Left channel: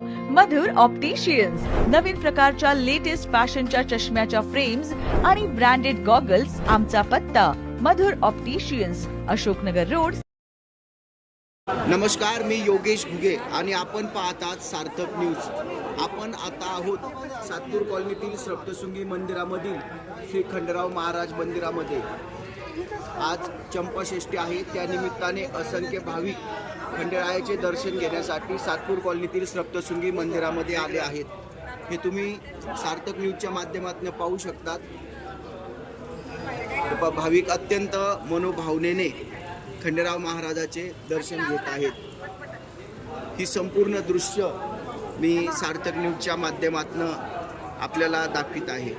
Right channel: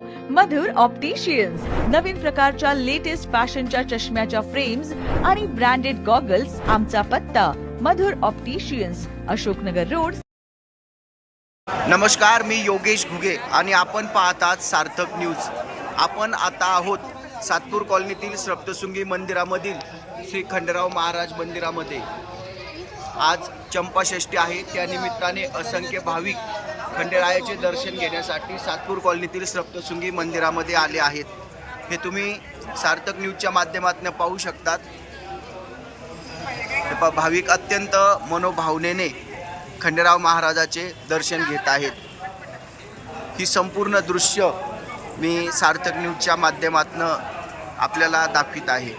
मधुर opticians नवीन प्रकारच्या latest फॅशनच्या चष्म्याच्या फ्रेम्स आणि ब्रँडेड गॉगल्स आमचा पत्ता मधुर ऑप्टिशियन्स अशोकनगर रोड. नमस्कार मी योगेश घुगे आणि आपण पाहतात सार्थक न्यूज. आपण आता आहोत सातपूर कॉलनीतील सप्तशृंगी मंदिरामधील श्री खंडराव महाराज मंदिरामध्ये. आज चंपाषष्ठी आहे त्या निमित्ताने असंख्य भाविक खंडेरायाचे दर्शन घेण्यासाठी सातपूर कॉलनीतील सप्तशृंगी मंदिरामध्ये आले आहेत. हे तुम्ही सार्थक न्यूजच्या माध्यमातून पाहू शकतात. भाविक अत्यंत मनोभावनेने खंडेराव महाराजाचे दर्शन घेत आहेत. ही संपूर्ण दृश्य मी सार्थक न्यूजच्या माध्यमातून आपल्याला दाखवित आहे.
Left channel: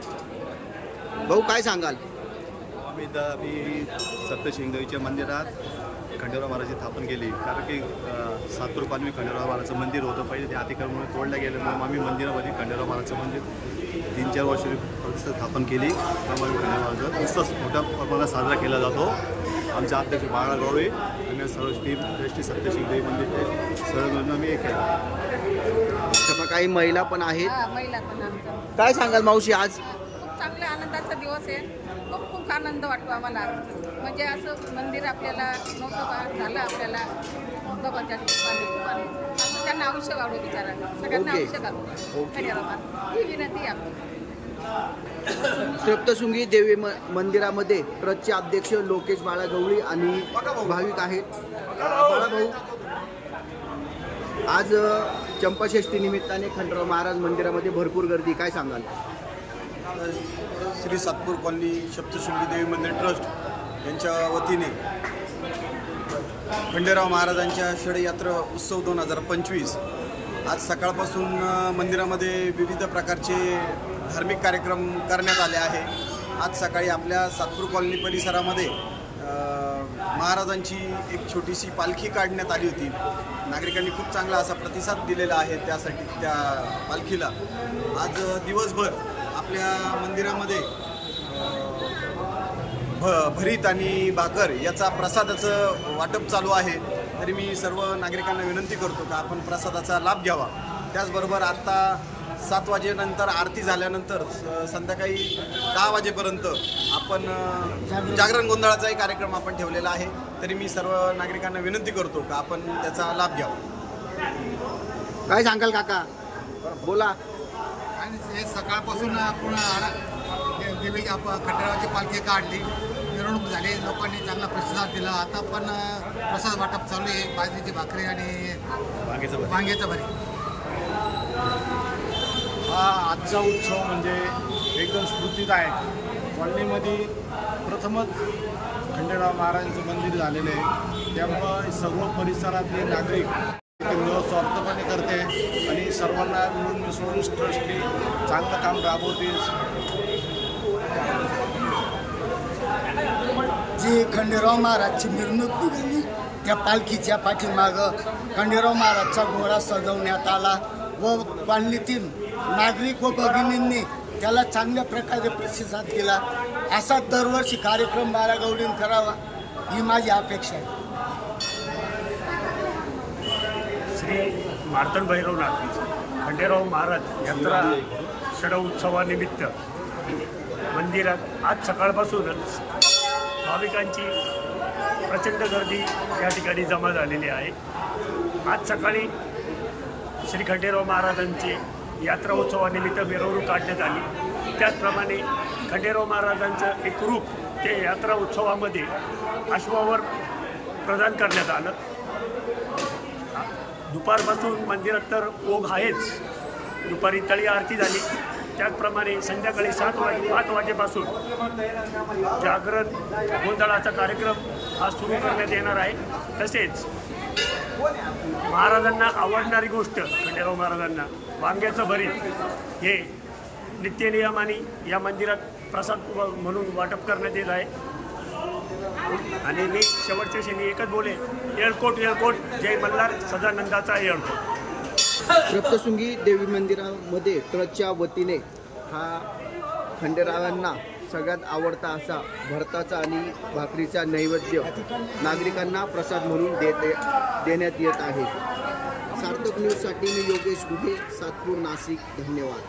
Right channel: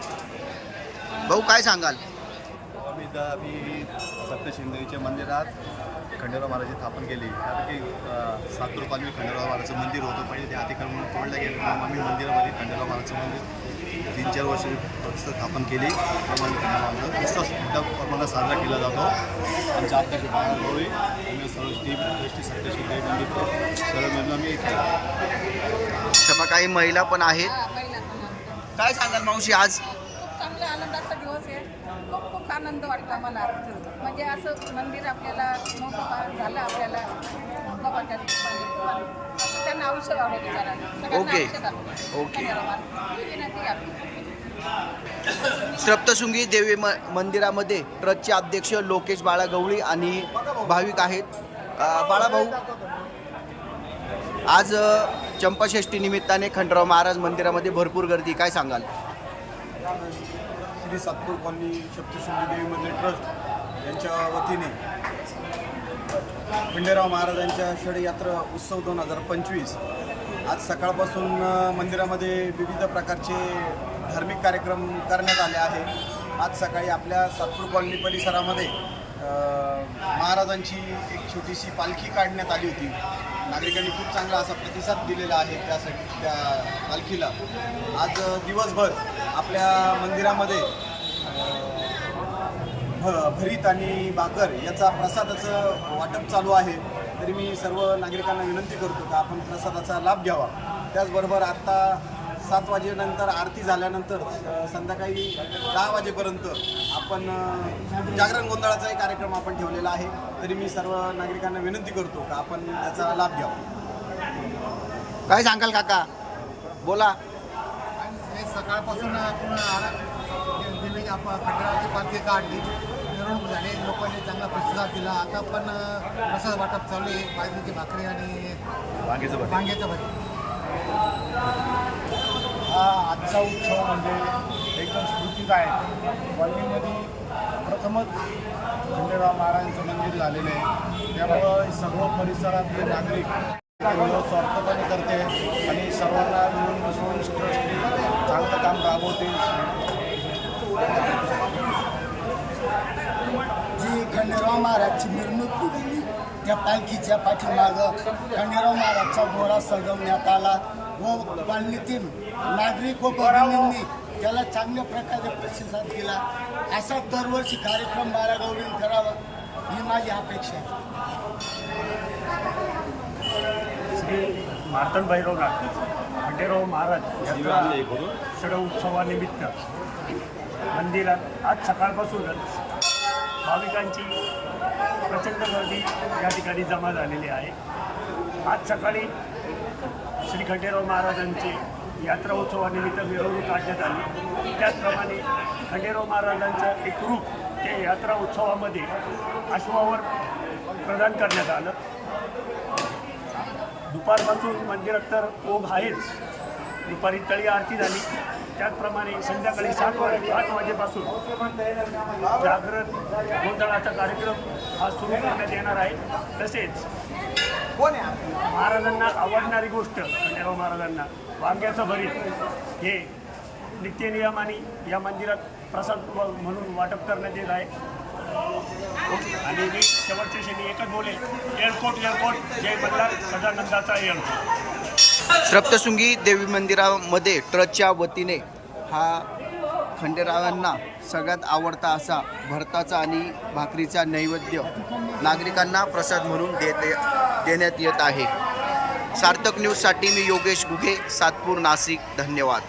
भाऊ काय सांगाल? आम्ही द आम्ही सप्तशिंगदेवीच्या मंदिरात खंडेराव महाराजांची स्थापन केली. कारण की अ, सातपूर पालवी खंडेराव महाराजचं मंदिर होतं. पहिले ते अतिक्रमण तोडलं गेलं. म्हणून आम्ही मंदिरामध्ये खंडेराव महाराजचं मंदिर तीन चार वर्ष स्थापन केली. त्यामुळे खंडेराव महाराजाचा नुसताच मोठ्या प्रमाणात साजरा केला जातो. आमचे अध्यक्ष बाळा गवळी आम्ही सर्व टीम ट्रस्टी सप्तशिंगदेवी मंदिर सर्व मिळून आम्ही हे केलं. सभा काही महिला पण आहेत. आमच्या. काय सांगाल मावशी आज? चांगल्या आनंदाचा दिवस आहे. खूप खूप आनंद वाटतो आम्हाला. म्हणजे असं मंदिर आपल्याला नव्हतं झालं आपल्याला. बाबाच्या खूप आनंद असं त्यांना आयुष्य गावडो बिचारा सगळ्यांना. आयुष्य गावडो. ही विनंती आहे. आपली सप्तशृंगी देवी म मंदिरामध्ये ट्रस्टचे अध्यक्ष लोकेश बाळा गवळी आणि भाविक आहेत. अ, बाळा भाऊ आज चंपाषष्ठी निमित्ताने खंडराव महाराज मंदिरामध्ये भरपूर गर्दी. काय सांगाल? श्री सातपूर कॉलनी सप्तशृंगी देवी मंदिर ट्रस्ट यांच्या वतीने खंडेराव महाराजांच्या षडयात्रा उत्सव दोन हजार पंचवीस आज सकाळपासून मंदिरामध्ये विविध प्रकारचे धार्मिक कार्यक्रम करण्यात आले आहे. आज सकाळी आपल्या सातपूर कॉलनी परिसरामध्ये महाराजांची एक छोटीशी पालखी काढण्यात आली होती. नागरिकांनी खूप चांगला असा प्रतिसाद दिलेला आहे त्यासाठी त्या पालखीला. आज दिवसभर आपल्या मंदिरामध्ये भ भरीत आणि भाकर याचा प्रसादाचं वाटप चालू आहे. तरी मी सर्व नागरिकांना विनंती करतो का आपण प्रसादाचा लाभ घ्यावा. त्याचबरोबर आत्ता सात वाजेनंतर आरती झाल्यानंतर स- संध्याकाळी दहा वाजेपर्यंत आपण जागरण गोंधळाचाही कार्यक्रम आपण ठेवलेला आहे. तरी मी सर्व नागरिकांना विनंती करतो का आपण त्याचा लाभ घ्यावा. काय सांगाल काका? बोला. आणि हे सकाळपासून आपण देवी आप खंडेरावाची पालखी काढली मिरवणूक झाली. लोकांनी चांगला प्रतिसाद दिला. आता पण प्रसाद वाटप चालू आहे. बाजरीची भाकरी आणि. वांग्याचं भरी हा आजचा उत्सव म्हणजे एकदम स्फूर्तीदायक कॉलनीमध्ये प्रथमच खंडेराव महाराजांचं मंदिर झालेलं आहे. त्यामुळं सर्व परिसरातले नागरिक स्वार्थपणे करते आणि सर्वांना मिळून मिसळून ट्रस्टी चांगलं काम राबवते जी खंडेराव महाराजची मिरवणूक निघाली त्या पालखीच्या पाठीमागं खंडेराव महाराजचा घोडा सजवण्यात आला. व कॉलनीतील नागरिक व भगिनींनी त्याला चांगल्या प्रकारे प्रतिसाद दिला. असा दरवर्षी कार्यक्रम बारागौडीन करावा ही माझी अपेक्षा आहे. श्री मार्तंड नागपूर खंडेराव महाराज यात्रा षड उत्सवानिमित्त मंदिरात आज सकाळपासूनच भाविकांची प्रचंड गर्दी या ठिकाणी जमा झालेली आहे. आज सकाळी श्री खंडेराव महाराजांची यात्रा उत्सवानिमित्त मिरवणूक काढण्यात आली. त्याचप्रमाणे खंडेराव महाराजांचं एक रूप ते यात्रा उत्सवामध्ये अश्वावर प्रदान करण्यात आलं. दुपारपासून मंदिरात तर ओघ आहेच. दुपारी तळी आरती झाली. त्याचप्रमाणे संध्याकाळी सात वाजे पाच वाजेपासून जागरण गोंधळाचा कार्यक्रम हा सुरू करण्यात येणार आहे. तसेच महाराजांना आवडणारी गोष्ट खंडेराव महाराजांना वांग्याचं भरीत हे नित्यनियमाने या मंदिरात प्रसाद म्हणून वाटप करण्यात येत आहे. आणि मी शेवटच्या क्षणी एकच बोले एअरपोर्ट एअरपोर्ट जय मल्हार सदानंदाचा एअरपोर्ट सप्तशृंगी देवी मंदिरामध्ये ट्रस्टच्या वतीने हा खंडेरावांना सगळ्यात आवडता असा भरताचा आणि भाकरीचा नैवेद्य नागरिकांना प्रसाद म्हणून देते देण्यात येत आहे. सार्थक न्यूजसाठी मी योगेश गुघे सातपूर नाशिक. धन्यवाद.